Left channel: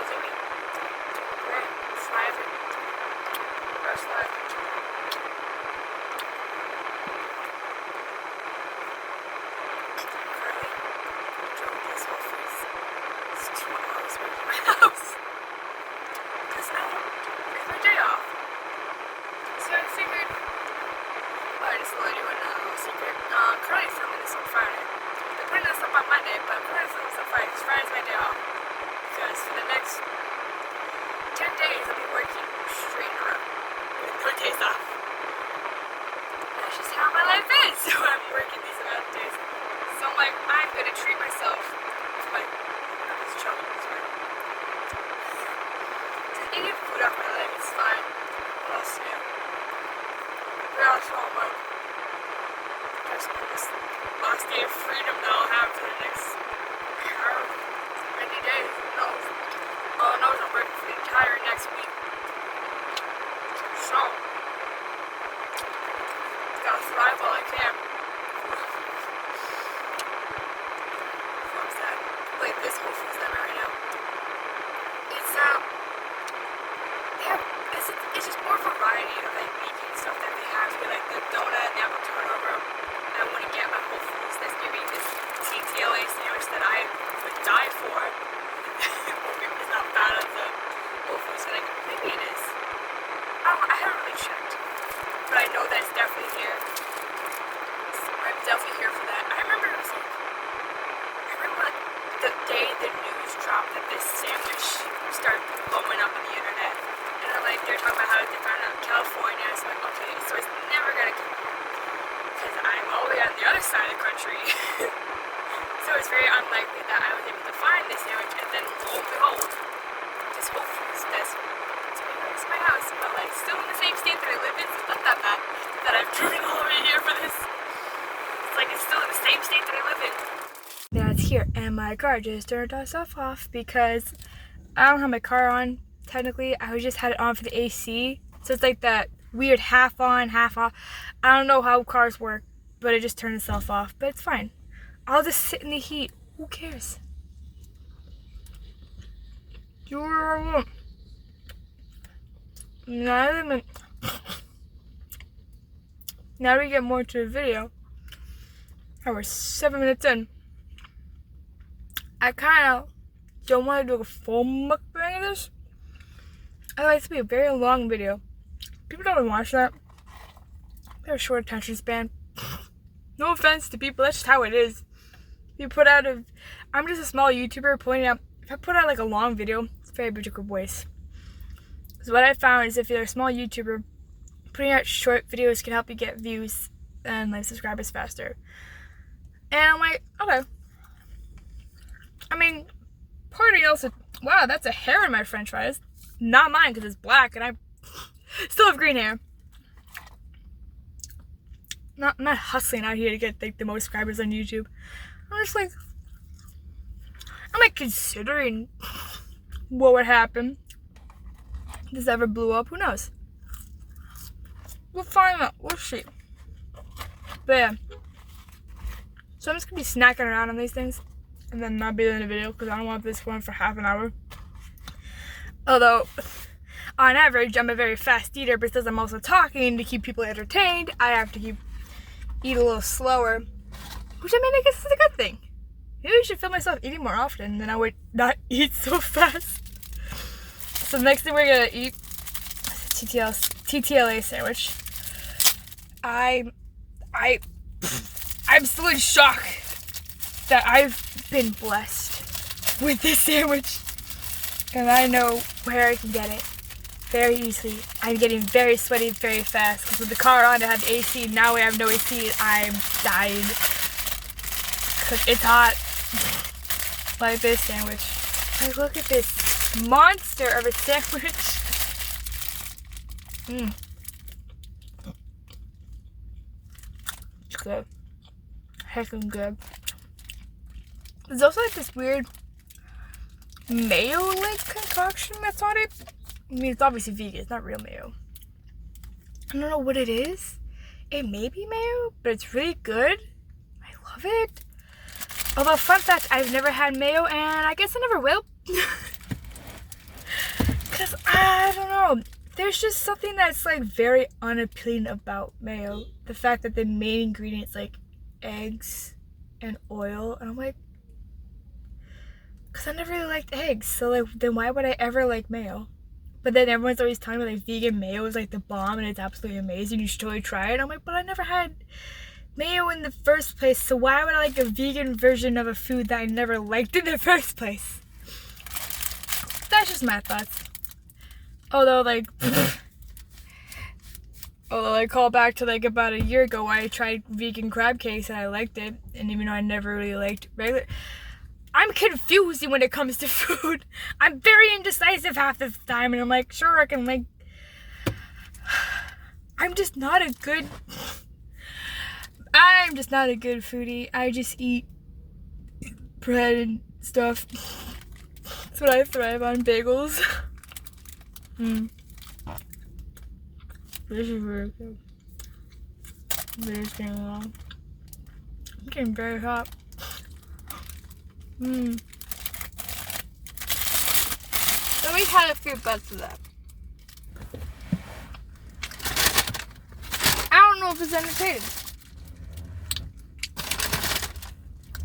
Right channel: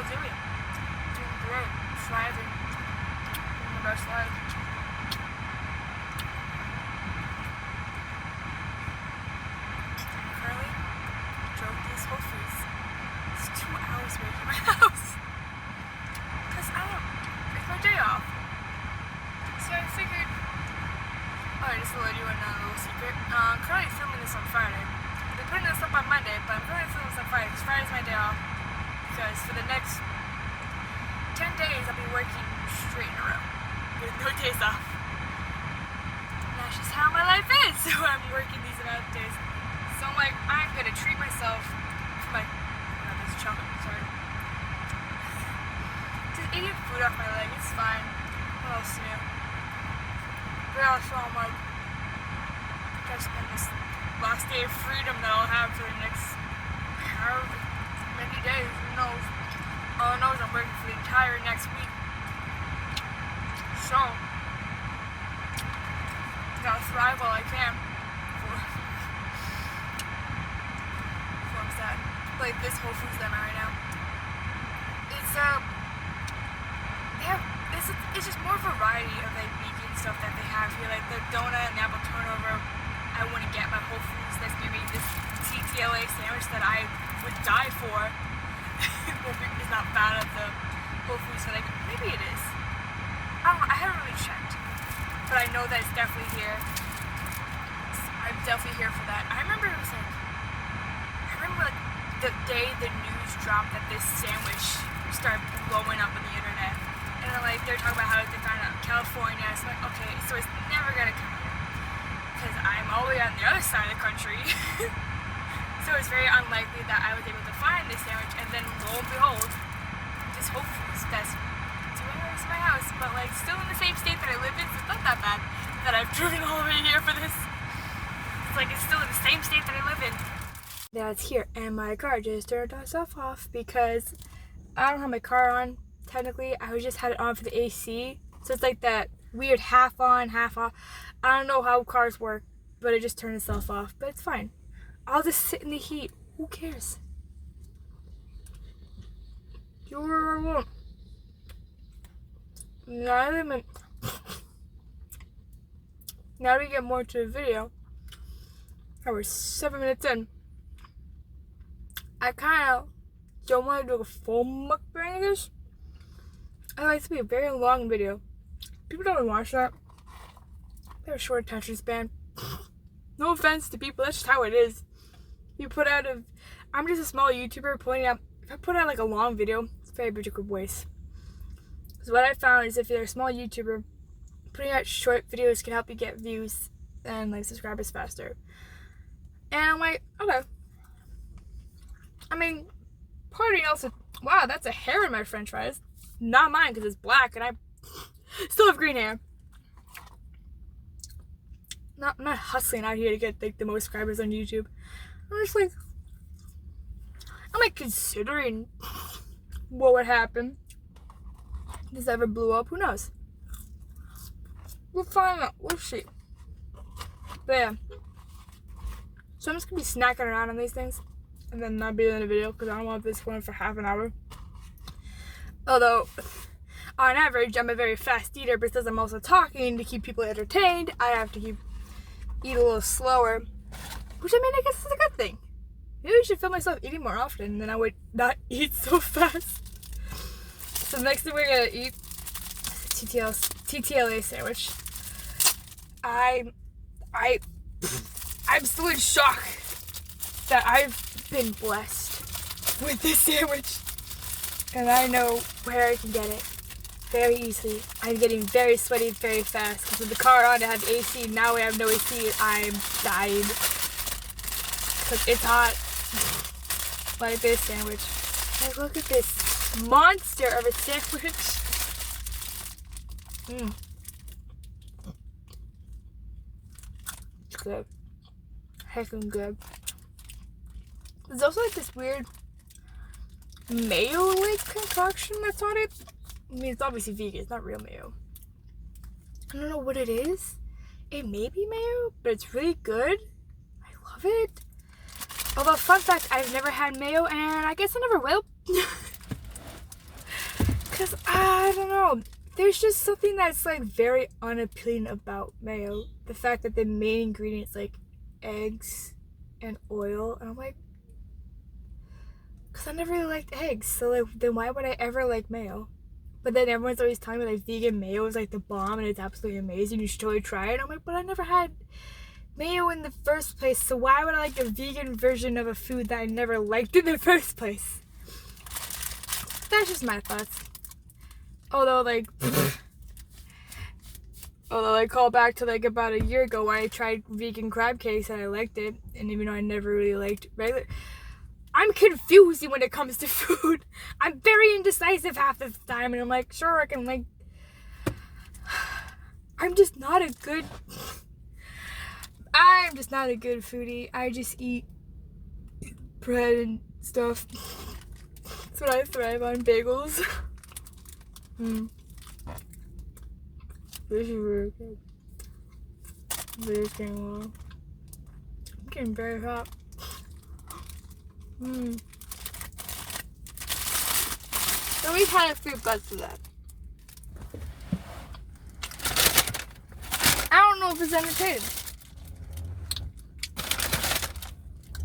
how's it going? Great. Thriving. Best life. Currently, drove this whole face. It's 2 hours away from my house. Because it's my day off. So I figured, I just let you know a little secret. Currently filming this on Friday. They're putting this up on Monday, but I'm currently filming this on Friday because Friday's my day off. Because for the next 10 days I'll be working straight in a row with no days off. That's just how my life is. So I'm working these amount of days. So I'm like, I'm gonna treat myself for my children, sorry. Just eating food off my leg, it's fine. What else to do? You're also all like, just this last day of freedom that I'll have for the next many days. No. All I know is I'm working for the entire next week. So, gotta thrive while I can. What's that? Like this Whole Foods that I'm at right now. It's yeah, it's just more variety of like vegan stuff that they have here, like the donut and the apple turnover. I want to get my Whole Foods that's giving this TTLA sandwich that I would die for. It's not bad of the Whole Foods, but like, maybe it is. I haven't really checked, but I know that it's definitely here. So I'm definitely here for that. I remember like the day the news dropped that this sandwich started blowing up on the internet, and they're talking about how they found out in California. So like, okay, so it's never gonna come here because I'm all the way on the other side of the country. So it's very unlikely that I was able to find this sandwich, and then lo and behold, this Whole Foods that's 20 minutes from my house, but like still in the same state that I live in, so it's not that bad that I've driven all the way here for this. It's like it's still in the same state that I live in. Now it's here, and my car just turned itself off because I don't have my car on. Technically, I just had it on for the AC, so it's like that weird half on, half off. I don't know how cars work, but it just turned itself off, but it's fine. I'll just sit in the heat. Who cares? You're now we get more to the video. We're 7 minutes in. I kind of don't want to do a full mukbang of this. I like it to be a very long video. People don't watch that. They have a short attention span. No offense to people, that's just how it is. I'm just a small YouTuber pointing out, if I put out like a long video, it's a very big waste. So what I found is if you're a small YouTuber, putting out short videos can help you get views and like subscribers faster. And I'm like, okay. I mean, part of me also, wow, that's a hair in my french fries. Not mine because it's black and I still have green hair. I'm not hustling out here to get like the most subscribers on YouTube. I'm like considering what would happen if this ever blew up. Who knows? We'll find out. We'll see. But yeah. So I'm just gonna be snacking around on these things and then not be in the video because I don't want this one for half an hour. Although, on average, I'm a very fast eater because I'm also talking to keep people entertained. I have to eat a little slower, which I mean, I guess is a good thing. Maybe I should film myself eating more often, then I would not eat so fast. So the next thing we're gonna eat is TTLA sandwich. I'm still in shock that I've been blessed with this sandwich, and I know where I can get it very easily. I'm getting very sweaty very fast because with the car on, I had AC. Now we have no AC. I'm dying because it's hot. Like this sandwich. Like, look at this monster of a sandwich. It's good. Heckin' good. There's also like this weird mayo-like concoction that's on it. I mean, it's obviously vegan. It's not real mayo. I don't know what it is. It may be mayo, but it's really good. I love it. Although, fun fact, I've never had mayo, and I guess I never will. Because I don't know. There's just something that's like very unappealing about mayo. The fact that the main ingredient's like eggs and oil. And I'm like, because I never really liked eggs. So like, then why would I ever like mayo? But then everyone's always telling me like vegan mayo is like the bomb and it's absolutely amazing. You should totally try it. I'm like, but I never had mayo in the first place. So why would I like a vegan version of a food that I never liked in the first place? That's just my thoughts. Although like, I call back to like about a year ago when I tried vegan crab cakes and I liked it. And even though I never really liked regular, I'm confused when it comes to food. I'm very indecisive half the time, and I'm like, sure, I can like, I'm just not a good foodie. I just eat bread and stuff. That's what I thrive on, bagels. This is really good. This is getting long. I'm getting very hot. So we had a few bites of that. I don't know if it's entertaining.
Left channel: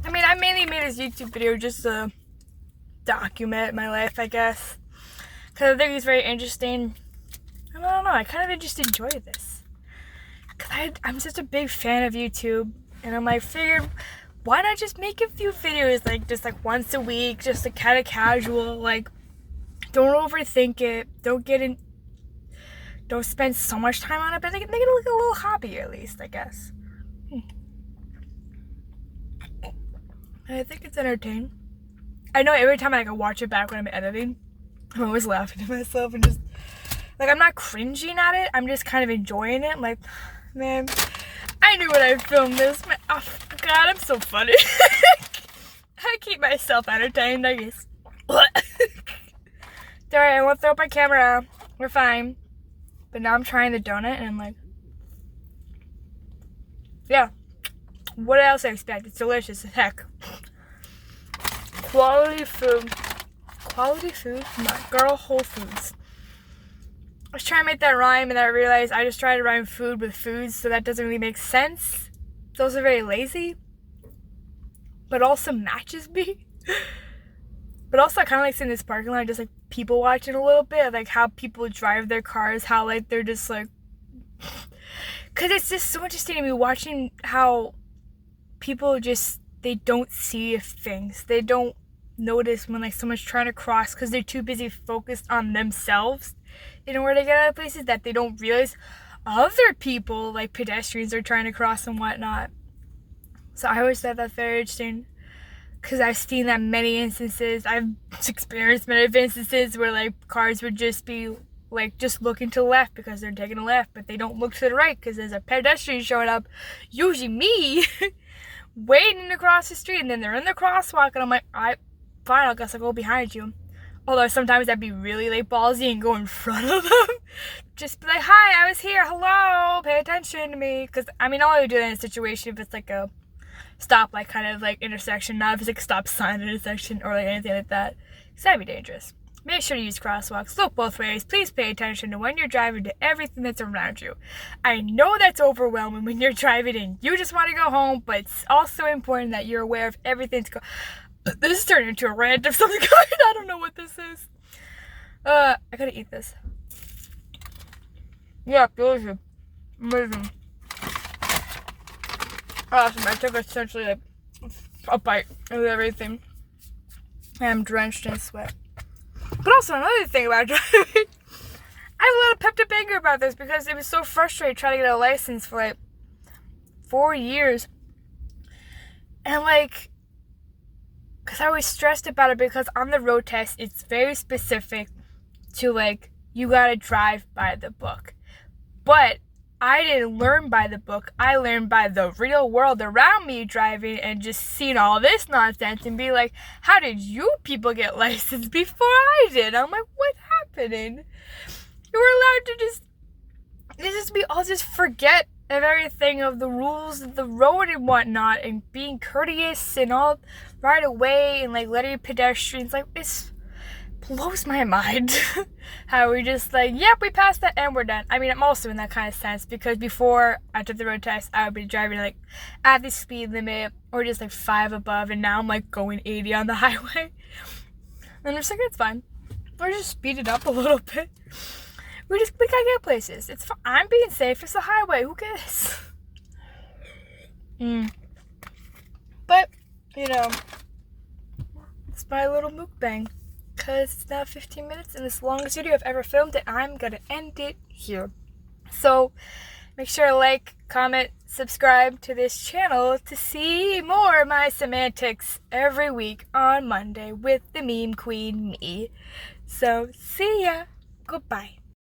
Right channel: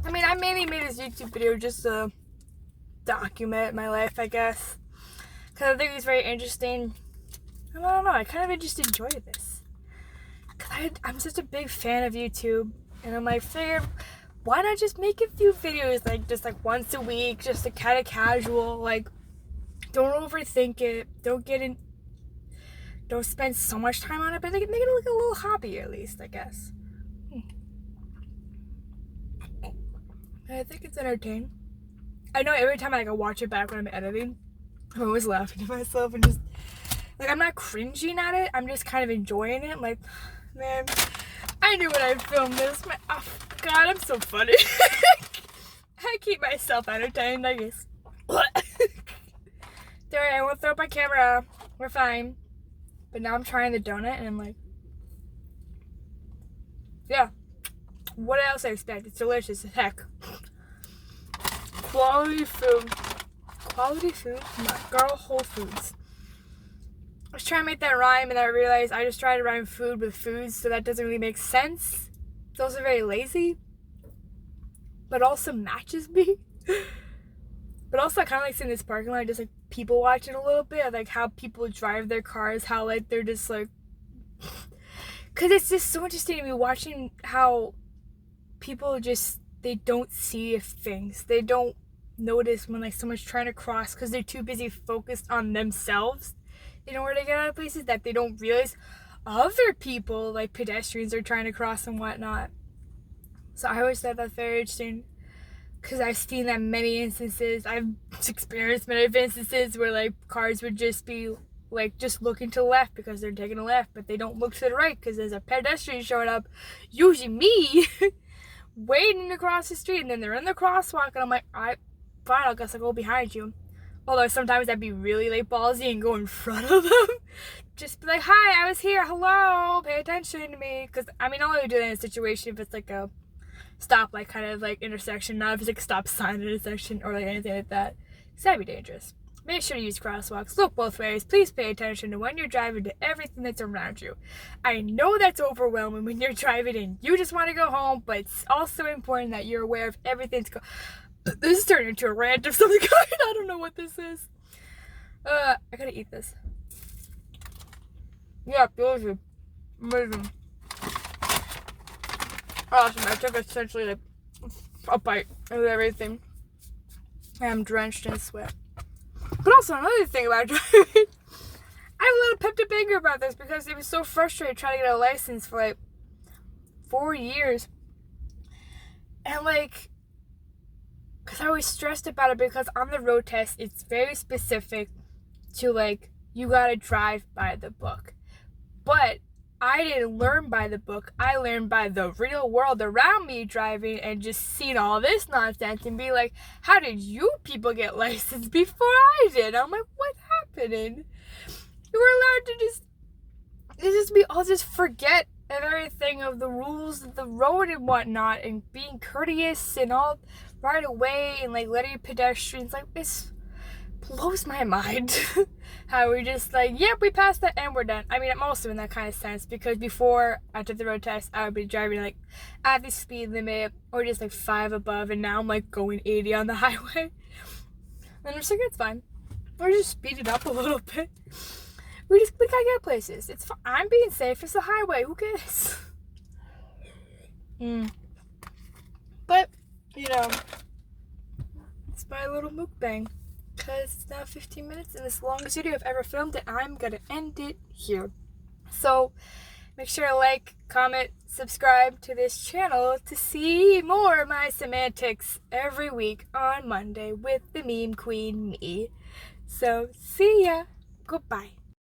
I mean, I mainly made this YouTube video just to document my life, I guess. Because I think it's very interesting. I don't know, I kind of just enjoy this. Because I'm such a big fan of YouTube. And I'm like, figured, why not just make a few videos, like, just like once a week, just like kind of casual, like, don't overthink it, don't spend so much time on it, but make it look a little hobby at least, I guess. I think it's entertaining. I know every time I like, watch it back when I'm editing, I'm always laughing to myself and just, like, I'm not cringing at it, I'm just kind of enjoying it. I'm like, man, I knew when I filmed this, man, oh God, I'm so funny. I keep myself entertained, I guess. Alright, I won't throw up my camera, we're fine. But now I'm trying the donut and I'm like, yeah, what else I expect? It's delicious as heck. Quality food from that girl Whole Foods. I was trying to make that rhyme and I realized I just tried to rhyme food with foods, so that doesn't really make sense. It's also very lazy, but also matches me. But also I kind of like seeing this parking lot, just like people watching a little bit of like how people drive their cars, how like they're just like, because it's just so interesting to me watching how people just, they don't see things, they don't notice when like someone's trying to cross because they're too busy focused on themselves in order to get out of places, that they don't realize other people, like pedestrians, are trying to cross and whatnot. So I always thought that's very interesting, because I've seen that many instances. I've experienced many instances where like cars would just be like just looking to the left because they're taking a left, but they don't look to the right because there's a pedestrian showing up, usually me, waiting to cross the street, and then they're in the crosswalk and I'm like, fine, I guess I'll go behind you. Although sometimes I'd be really like ballsy and go in front of them. Just be like, hi, I was here, hello, pay attention to me. Because I mean, I'll only do that in a situation if it's like a stoplight kind of like intersection, not if it's like a stop sign intersection or like anything like that, because that'd be dangerous. Make sure to use crosswalks, look both ways, please pay attention to when you're driving to everything that's around you. I know that's overwhelming when you're driving and you just want to go home, but it's also important that you're aware of everything's going. This is turning into a rant of some kind. I don't know what this is. I gotta eat this. Yeah, delicious. Amazing. Awesome. I took essentially like a bite of everything. I am drenched in sweat. But also another thing about driving, I have a little pepped up anger about this because it was so frustrating trying to get a license for like 4 years. And like, because I was stressed about it because on the road test, it's very specific to like, you gotta drive by the book. But I didn't learn by the book. I learned by the real world around me driving and just seeing all this nonsense and be like, how did you people get licensed before I did? I'm like, what's happening? You were allowed to we all just forget of everything, of the rules of the road and whatnot, and being courteous and all right away and like letting pedestrians, like, it's blows my mind how we're just like, yep, we passed that and we're done. I mean, I'm also in that kind of sense because before I took the road test, I would be driving like at the speed limit or just like 5 above, and now I'm like going 80 on the highway. And I'm just like, it's fine. Or just speed it up a little bit. We gotta get places. It's fine. I'm being safe. It's a highway. Who cares? But, you know, it's my little mukbang. Because it's now 15 minutes and it's the longest video I've ever filmed, and I'm gonna end it here. So, make sure to like, comment, subscribe to this channel to see more of my semantics every week on Monday with the meme queen me. So, see ya. Goodbye.